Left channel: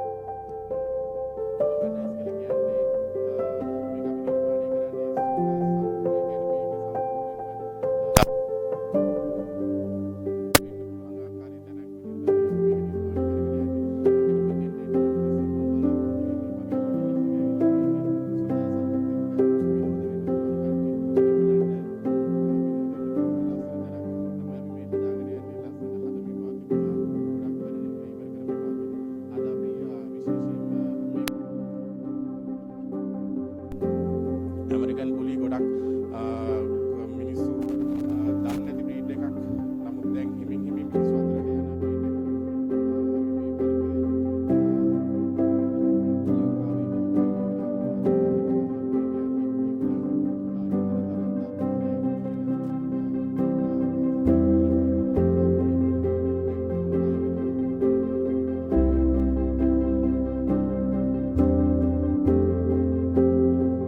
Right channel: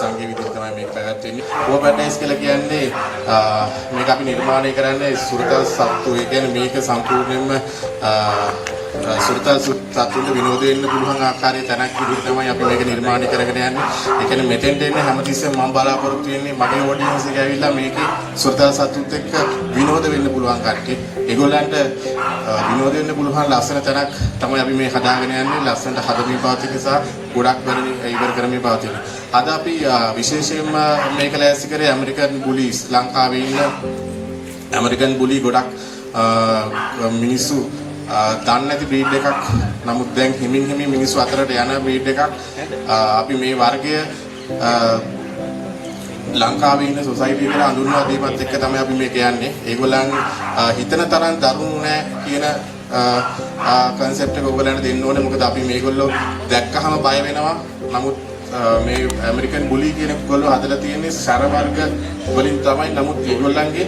සංඝීය විදිහට තමයි මේක පැවැත්වෙන්නේ. War Paradise කියලා කියන්නේ මේක අපි නිර්මාණය කරන්නේ සුරතල් සත්තු. ඒ කියන්නේ මේක සම්පූර්ණයෙන්ම සුරතල් සත්තුන්ට විනෝද වෙන්න පුළුවන් ආකාරයේ තැනක් විදිහට තමයි අපි මේක නිර්මාණය කරගෙන යන්නේ. ඒ කියන්නේ මෙතෙන්ට එන්නේ හැමතිස්සෙම මම බලාපොරොත්තු වෙන්නේ මගේ ඔඩියන්ස් එක ඇවිල්ලා මේකේ සුරතල් සත්තුත් එක්ක විනෝද වෙන්න පුළුවන් කට්ටිය. ඒගොල්ලන්ට විනෝද වෙන්න පුළුවන් ලස්සන තැනක් තමයි අපි මේ හදාගෙන යන්නේ. ලස්සනට හදමින් පවතින නිසා ගොඩක් ඉවර කරමින් පවතින. අද අපි විශේෂයෙන්ම මේක ලෑස්ති කරේ ඇමරිකන් බුලිස්. ලංකාවේ ඉන්න ඇමරිකන් බුලි ගොඩක් මිනිස්සු දන්නේ නැති බ්‍රීඩ් එකක්. නමුත් දැන් හිමින් මිනිස්සු අතරට යන බ්‍රීඩ් එකක්. අපි මේ වර්ගය ලංකාවේ ඉන්න සොසයිටි එකට අඳුන්වා දීමත් එක්ක තමයි අපි මේක යන්නේ. ඒගොල්ලන් හිතන තරම් දරුණු නෑ කියන කන්සෙප්ට් එක ඔයගොල්ලන්ට දෙන්න ඕනේ. මොකද අපි මේගොල්ලෝ දැක්කහම බය වෙනවා. නමුත් මේ ඇමරිකන් බුලි කියන ගොල්ලෝ හදලා තියෙන්නේ සැර වර්ග වලින් තමයි. නමුත් ඒගොල්ලන්ගේ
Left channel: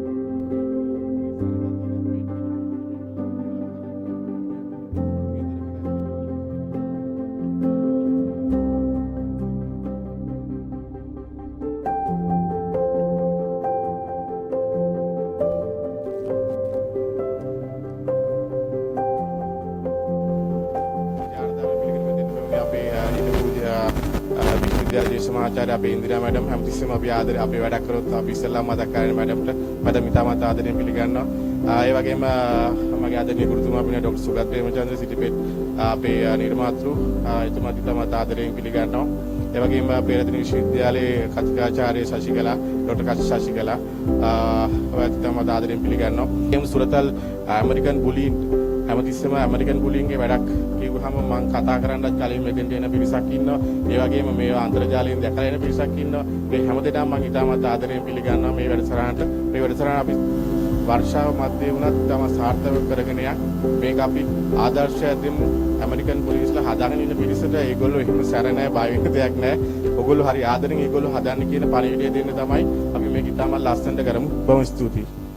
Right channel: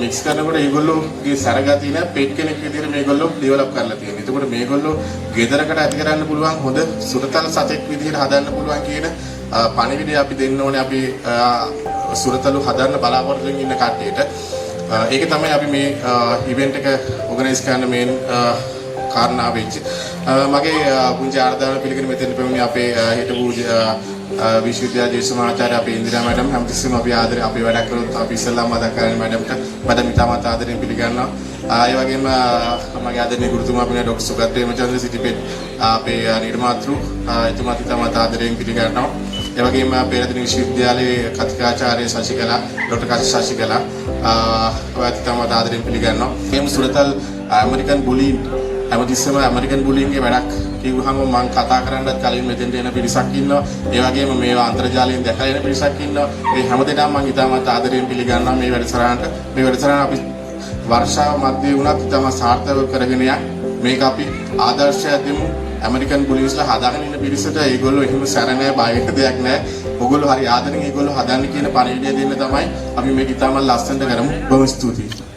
මික්ස් කරනකොට ඒගොල්ලෝගේ සැර ගතිය නේ පෙට් කෙනෙක් විදිහට මේගොල්ලෝ ඩෙවලොප් කරලා තියෙන්නේ. එතකොට මේගොල්ලෝ ගෙදරකට ඇති කරන්න පුළුවන් හොඳ සුරතල් සතෙක් විදිහට හදන්න පුළුවන් කියන පණිවිඩය අපි දෙන්න ඕනේ. අපි සුරතලු හදන්න බලාපොරොත්තු වෙමින් ඉන්න කට්ටියට. ඒක තමයි අපි මේ ඉවෙන්ට් එක ඕගනයිස් කරන්න මේන් කාරණා වෙච්ච. මගේ පුංචි ආරාධනාව පිළිගෙන මෙතෙන් පැමිණි අපේ හිටපු විශ්වවිද්‍යාල දේශමාචාර්ය අපේ ඉන්දිරා මැඩම් හැමතිස්සෙම අපි ආදරේ අපේ වැඩ කරන අපි ඉස්සෙල්ලාම මතක් කරගෙන මැඩම්ට මම ඉතාමත් ආදරෙන් පිළිගන්නවා. ඒ වගේම මගේ ආදරණීය ගුරුතුමා අපේ ඩොක්ටර් සුගත් ප්‍රේමචන්ද්‍ර සිටිපෙත් අපේ නිර්මාතෘ එතුමාත් ඉතාමත් ආදරෙන් පිළිගන්නවා. ඒ වගේම අපේ රත්න විශ්වවිද්‍යාලයේ කතිකාචාර්ය ශශිකලා ඩොක්ටර් කෂ් ශශිකලා ඔයත් ඉතාමත් ආදරෙන් පිළිගන්නවා. මේ සුරතල් ඇමරිකන් බුලි හැමතිස්සෙම ඇමරිකන් බුලින්ගේ වැඩක් කිව්වහම මම කතා කරන්නත් කලින් මෙතෙන් දෙන පිරිසක් ඉන්නවා. ඒ වගේම මේවා අන්තර්ජාලයෙන් දැකලා එන පිරිසක් ඉන්නවා. මේ හැමදේම මම ඉතාමත් ආදරෙන් පිළිගන්නවා මේ වැඩසටහනට. මේ වැඩසටහන අපි වර්ෂාව මැදේ වුණත් තම සාර්ථකව කරගෙන යන්න. මේක අපි ආදර්ශයක් දෙමු. ඇමරිකන් පොලිස්ලා හදාගෙන ඉන්න පිරිසට ඒගොල්ලෝ එහෙම සැර නැහැ, බය වෙන්න දෙයක් නැහැ. ඕගොල්ලෝ හරි ආදරෙන් ඒගොල්ලෝ හදන්න කියන පණිවිඩය දෙන්න තමයි අපි මේක ඉතාමත් ලස්සනට කරමු. බොහොම ස්තුතියි.